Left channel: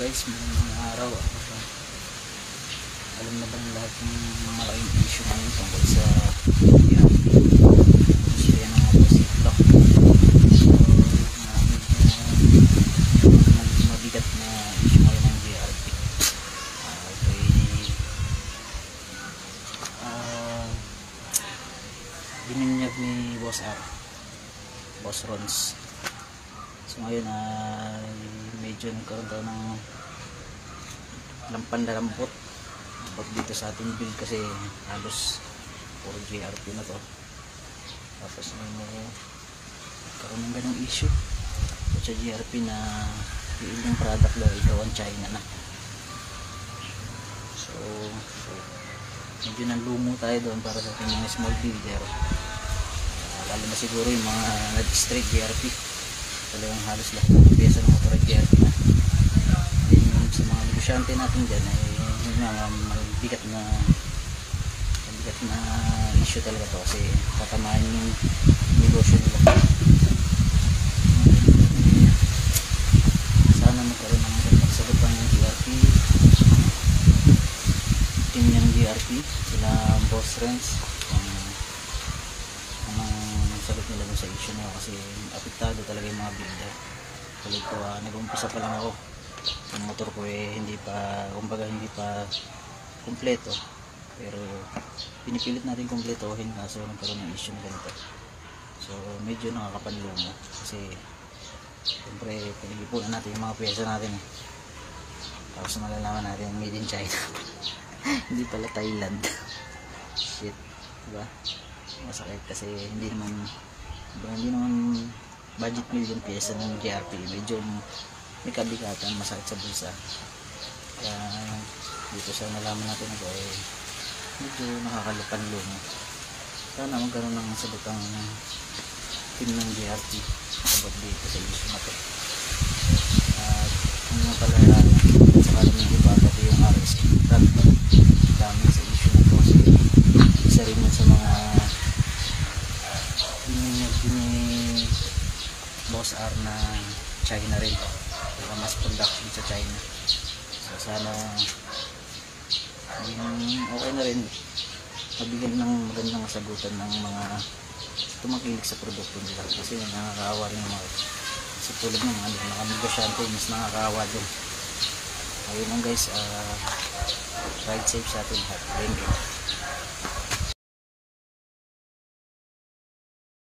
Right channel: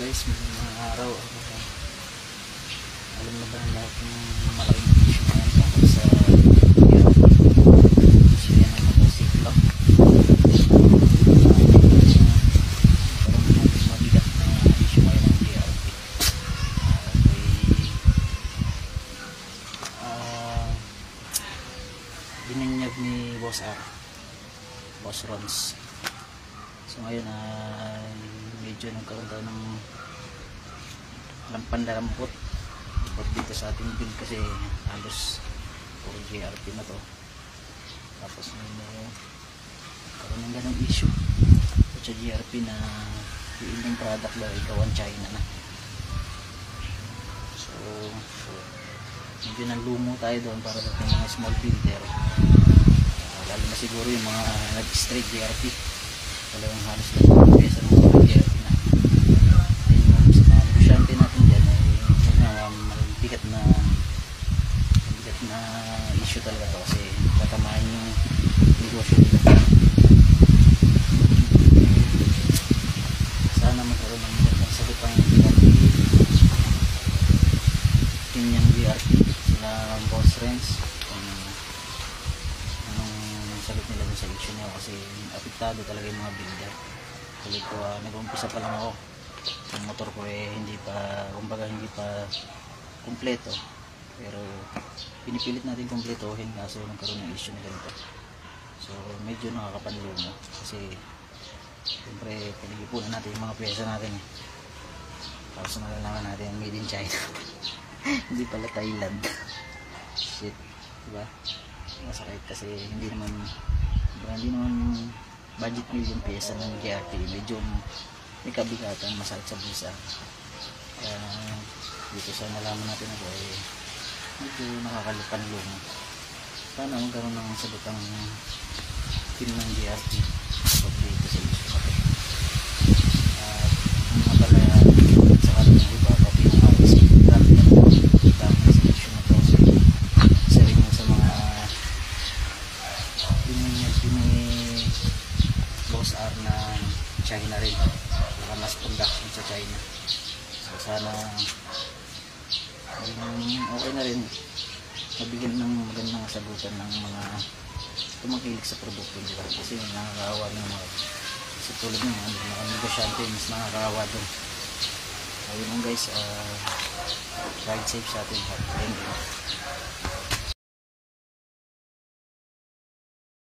guys, mga araw alam na ba ng lahat ng malaking issue ngayon tungkol sa issue ng aggressive block, mabigat na issue ngayon ng BRP. Bininyag ni Boss R, Boss Rons. So ngayon medyo nagkaroon tayo ng pandarambot dito sa ating build kasi halos puro GRP na to. Tapos may karoon ng ganang issue sa GRP na yung product daw gawan China na. So medyo nanlumo tayo doon para sa mga small builder, lalo na siguro yung mga nag-straight GRP. Talagang halos lahat nila sa mga GRP na. Yung sa mga negosyante natin dyan mabigat na masyo talaga to kasi tatamaan yung negosyo nila. Sana magkaroon ng magandang sagot ang GRP, team ng GRP, sila Boss Renz, sagot nila yung solution mo kasi apektado talaga yung mga builder. Tuloy ko nag-umpisa pa lang ako, yung motor ko hindi pa, kumbaga hindi pa kumpleto, pero pinipilit natin kumpletohin kasi nagkaroon ng issue na ganito. So medyo nakakapanlumo kasi siyempre pag-ipunan natin yung mga pyesa natin tapos malalaman natin made in China hindi pala Thailand. Shit, diba? Masakit kasi hindi naman budget meal yung pyesa ng GRP, medyo may kabigatan, masakit sa bulsa. Dito sa nalaman natin ito medyo nakakalupan-lumo. Sana magkaroon ng sabutang team ng GRP kapag dito sa issue na ito. At kung napalayan sa kanya ng iba ito yung RS dami sa issue na ito. Isa rin yun sa mga Boss R na China rin, mas production sa China. So sana okay na rin mabigyan ng magandang sagutan ng mga tumakilig sa produkto nila kasi nakakaawa rin mga kasi tulad ng mga negosyante mas nakakaawa din. Ayun lang guys, ride safe sa atin lahat.